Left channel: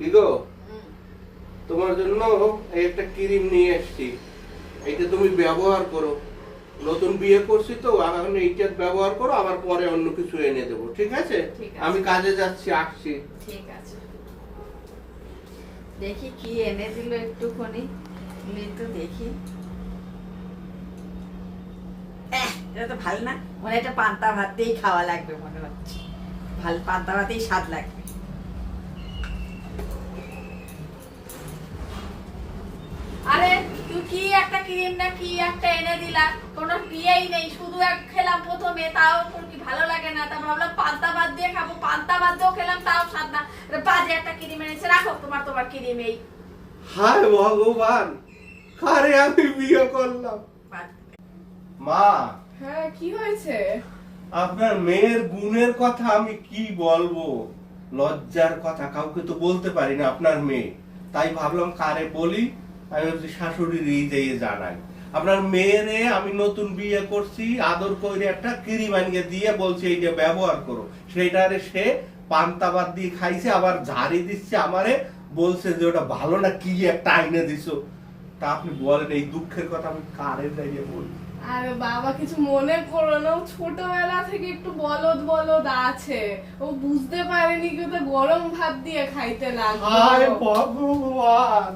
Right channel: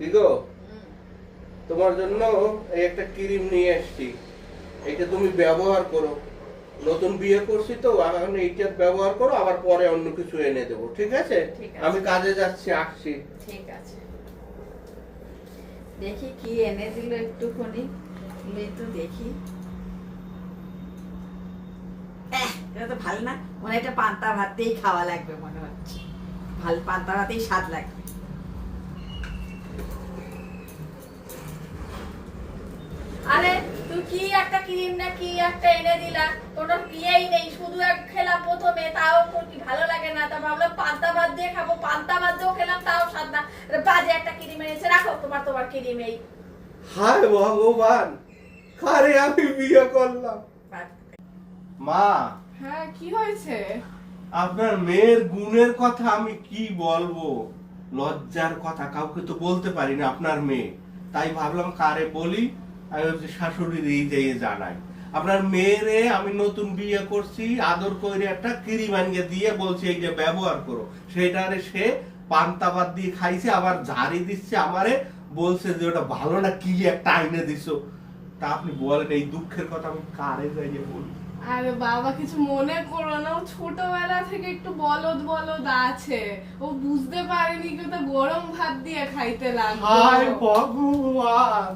কি গো, তোমার জন্য এই একটা ক্রিম নিয়ে এসেছি, এইটা তুমি ব্যবহার করো। নতুন বিয়ে করছি তো, এখন এইটা ব্যবহার করো, আবার পরে অন্য কিছু এনে দেবো, ঠিক আছে? আমি কাজে যাচ্ছি, আসছি। ঠিক আছে, দেখি কি এনে দিল একটুখানি, তো দেখি। এটা তো ভালো না, মনে একটা পান্তা ভাত দিয়েই খাওয়া লাগবে মনে হচ্ছে। ভালো পান্তা ভাতেই স্বাদ লাগবে। আরে তুই কি একটা ক্রিম না কি একটা এনে দিলা, কোনো বিয়েই নেই, শুধু এক খেলাম প্রথমে, তাও কি ভালো লাগে না, তা ভাবলাম পান্তা ভাত দিয়ে খাবো, পান্তা ভাত দিয়েও খেলাম তাও স্বাদ না। বাজে একটা ক্রিম এনেছে, রাখো তোমার ক্রিম। এই হায় ভগবান, আরে আমি বিয়ে করলাম। মা, হ্যাঁ কি হয়েছে? আপনার মেয়ের গুণের কথা আমি কি বলবো, লজ্জার কথা, কাউকে তো বলতে পারি না আপনার মেয়ে, তাই ভাবলাম কারে বলি। আমি হচ্ছে শাশুড়ির দিয়ে জানাই। আপনার মেয়েরে আমি নতুন বিয়ে করছি, আদর করে একটা ক্রিম আনিয়ে দিয়ে বলছে এই যে ব্যবহার করো, সেটারে সে পান্তা ভাত দিয়ে খাইছে, আবার ঝাড়ি দিচ্ছে আমারে, বলছে যে ওটা ভালো না, কি একটা আইনে দিছো। তা আপনি বলেন এই দুঃখের কথা আমি কারে যাইয়ে বলি? আরে বাবা কিছু মনে করো না, ও ছোটবেলা থেকে একটু বলদ বলদ আছে, ও বুঝতে পারেনি কি ওটা গরম ভাত দিয়ে খাইতে লাগবে। হায় ভগবান,